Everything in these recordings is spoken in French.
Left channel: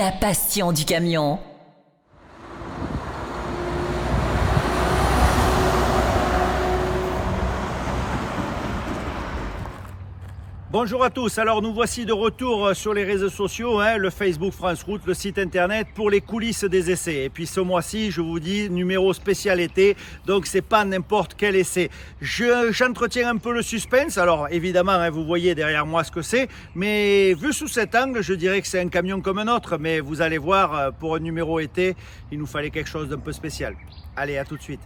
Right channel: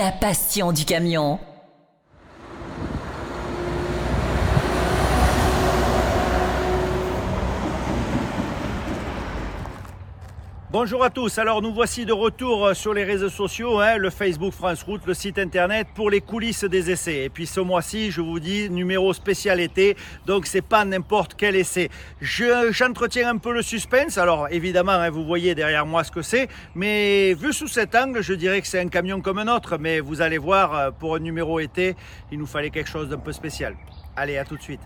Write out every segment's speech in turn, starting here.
la passion du camion. Bonjour à tous, alors nous voici de retour sur les réseaux sociaux, le Facebook France Route, le site internet pour les coulisses des essais. Et puis ce mois-ci, je vous dis, numéro spécial été, donc c'est pas n'importe quel essai. J'entretiens un peu le suspense, alors évidemment vous voyez derrière moi ce que c'est, mais vu sous cet angle, je dirais que c'est un camion comme un autre, mais vous allez voir, pour un numéro été, il nous fallait quelque chose d'un peu spécial. Allez, à tout de suite.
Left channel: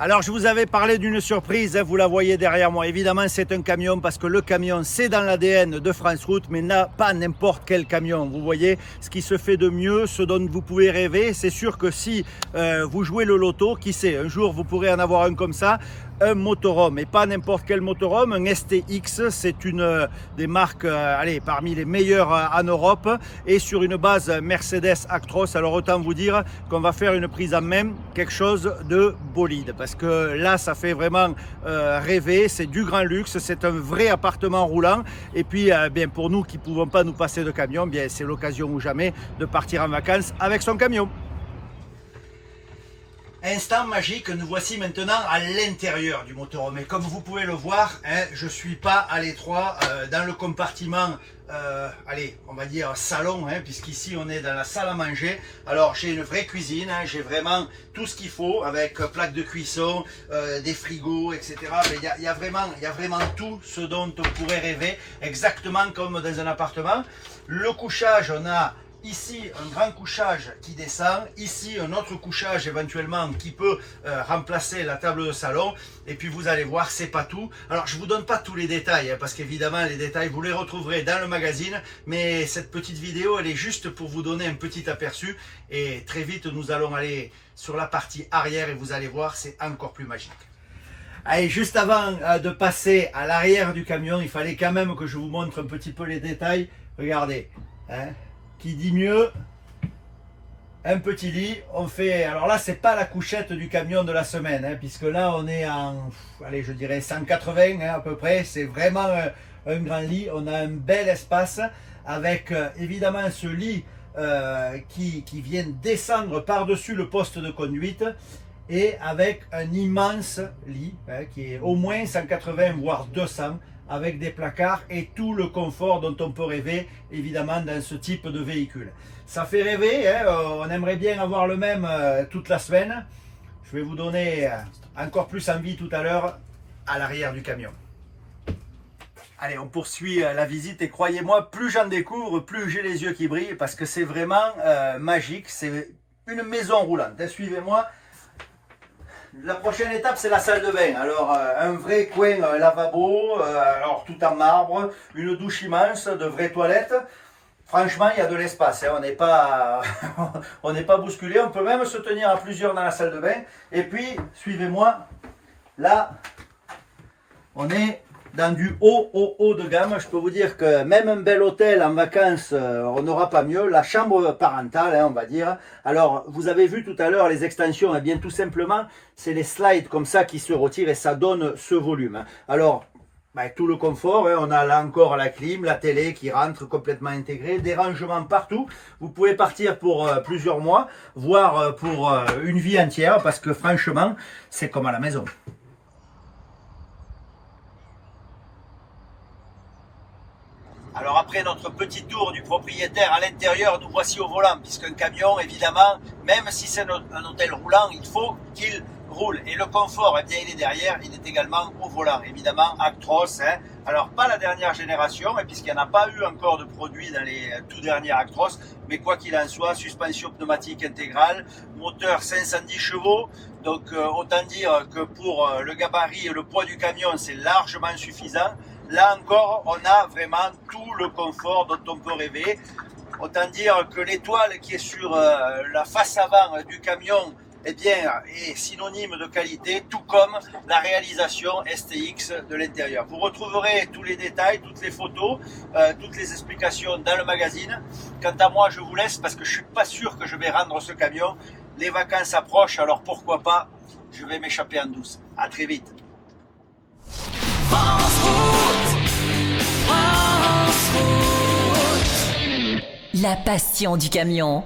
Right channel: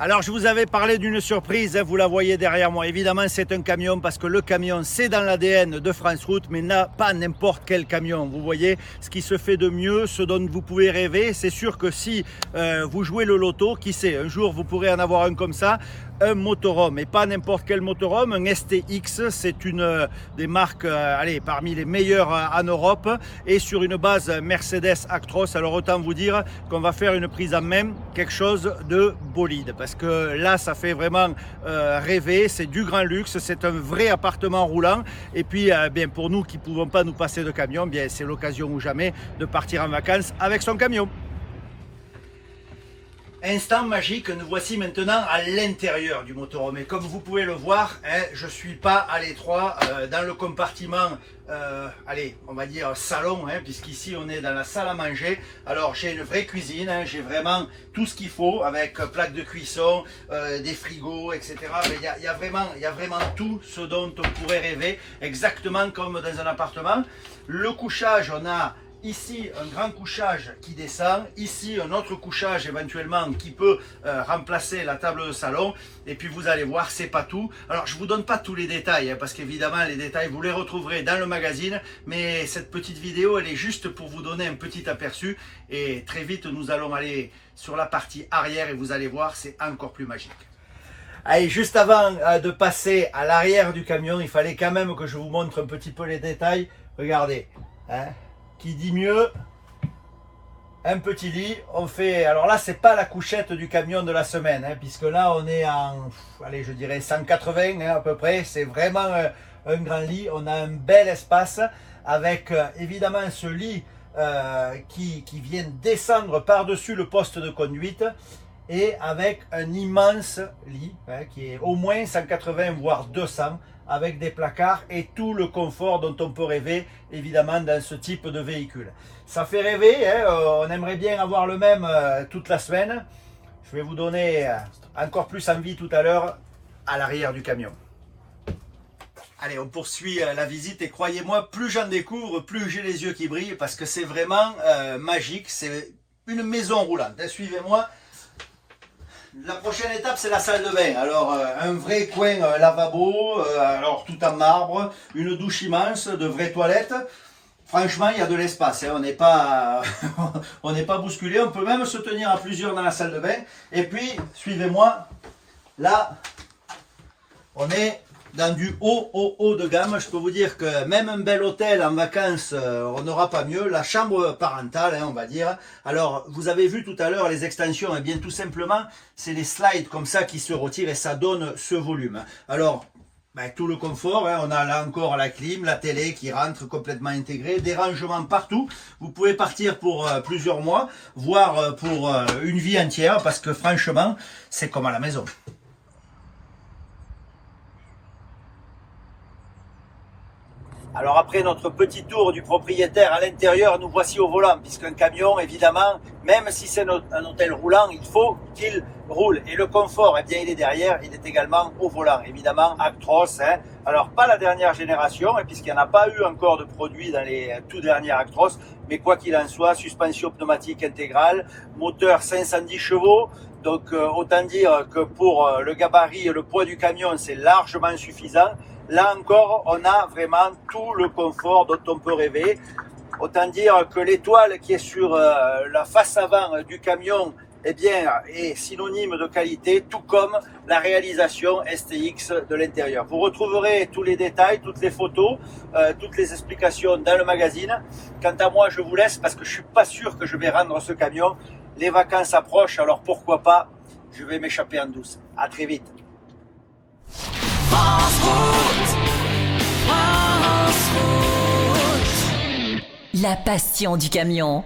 Alors je vous avais parlé d'une surprise, vous la voyez derrière moi. Évidemment c'est un camion parce que le camion c'est dans l'ADN de France Route, mais pas n'importe quel camion. Vous voyez ce qui se fait de mieux, ce dont vous pouvez rêver. C'est sûr que si vous jouez le loto, qui sait, un jour vous pourrez en avoir un comme ça, un motorhome, et pas n'importe quel motorhome, un STX, c'est une des marques parmi les meilleures en Europe, et sur une base Mercedes Actros. Alors autant vous dire qu'on va faire une prise en main, quelque chose de bolide, parce que là ça fait vraiment rêver, c'est du grand luxe, c'est un vrai appartement roulant, et puis bien pour nous qui ne pouvons pas nous passer de camion, bien c'est l'occasion ou jamais de partir en vacances avec son camion. Instant magique, nous voici maintenant à l'intérieur du motorhome. Et comme vous pouvez le voir, je ne suis pas à l'étroit dans le compartiment, on va dire salon, puisqu'ici on est dans la salle à manger. Alors j'ai une vraie cuisine, j'ai vraiment tout ce qu'il faut avec plaque de cuisson, des frigos, etc. Il y a vraiment tout ce dont on pourrait rêver, exactement comme dans un appartement. Le couchage, on a ici un grand couchage qui descend, ici un autre couchage éventuellement qui peut remplacer la table de salon, et puis vous allez voir c'est pas tout. Alors je vous donne pas tous les détails parce qu'évidemment les détails vous les retrouverez dans le magazine, mais cette petite vidéo elle est juste pour vous donner un petit aperçu, et très vite nous allons aller sur la partie arrière et vous allez voir c'est encore plus magique. Allez, juste avant de passer à l'arrière du camion, il fallait quand même que je vous montre un petit peu les détails. Regardez, qui dit mieux, un petit lit. On fait, alors là c'est pas la couchette du camion de la semaine, puisque là on est en, je dirais 180 à peu près. C'est vraiment un grand lit. On a un bel espace avec évidemment ce lit qui vient descendre par-dessus le poste de conduite, et avec un immense lit qui est au moins 180 voire 200, avec des placards et tout le confort dont on peut rêver évidemment dans ce type de véhicule. Ça fait rêver, on aimerait bien avoir le même toute la semaine. Je vais vous donner encore plus envie tout à l'heure à l'arrière du camion. Allez, on poursuit la visite, et croyez-moi, plus j'en découvre, plus j'ai les yeux qui brillent, parce que c'est vraiment magique, c'est une maison roulante. Suivez-moi. La prochaine étape c'est la salle de bain. Alors un vrai coin lavabo, alors tout en marbre, une douche immense, de vraies toilettes. Franchement il y a de l'espace, on n'est pas on n'est pas bousculé, on peut même se tenir à plusieurs dans la salle de bain. Et puis suivez-moi, là on est dans du haut de gamme. Je peux vous dire que même un bel hôtel en vacances, on n'aura pas mieux. La chambre parentale, on va dire. Alors, vous avez vu tout à l'heure les extensions, et bien tout simplement, c'est les slides comme ça qui se retirent et ça donne ce volume. Alors, tout le confort, on a là encore la clim, la télé qui rentre complètement intégrée, des rangements partout. Vous pouvez partir pour plusieurs mois, voire pour une vie entière, parce que franchement, c'est comme à la maison. Alors après notre petit tour du propriétaire à l'intérieur, nous voici au volant, puisqu'un camion, évidemment, même si c'est un hôtel roulant, il faut qu'il roule. Et le confort, bien, il est derrière, il est également au volant. Évidemment, Actros, alors pas la dernière génération, puisqu'il n'y en a pas eu encore de produits dans les tout derniers Actros, mais quoi qu'il en soit, suspension pneumatique intégrale, moteur 510 chevaux, donc autant dire que pour le gabarit et le poids du camion, c'est largement suffisant. Là encore, on a vraiment tout le confort dont on peut rêver. Autant dire que l'étoile qui est sur la face avant du camion est synonyme de qualité, tout comme la réalisation STX de l'intérieur. Vous retrouverez tous les détails, toutes les photos, toutes les explications dans le magazine. Quant à moi, je vous laisse parce que je ne suis pas sûr que je vais rendre ce camion. Les vacances approchent, alors pourquoi pas, je vais m'échapper en douce. À très vite. France Route. La passion du camion.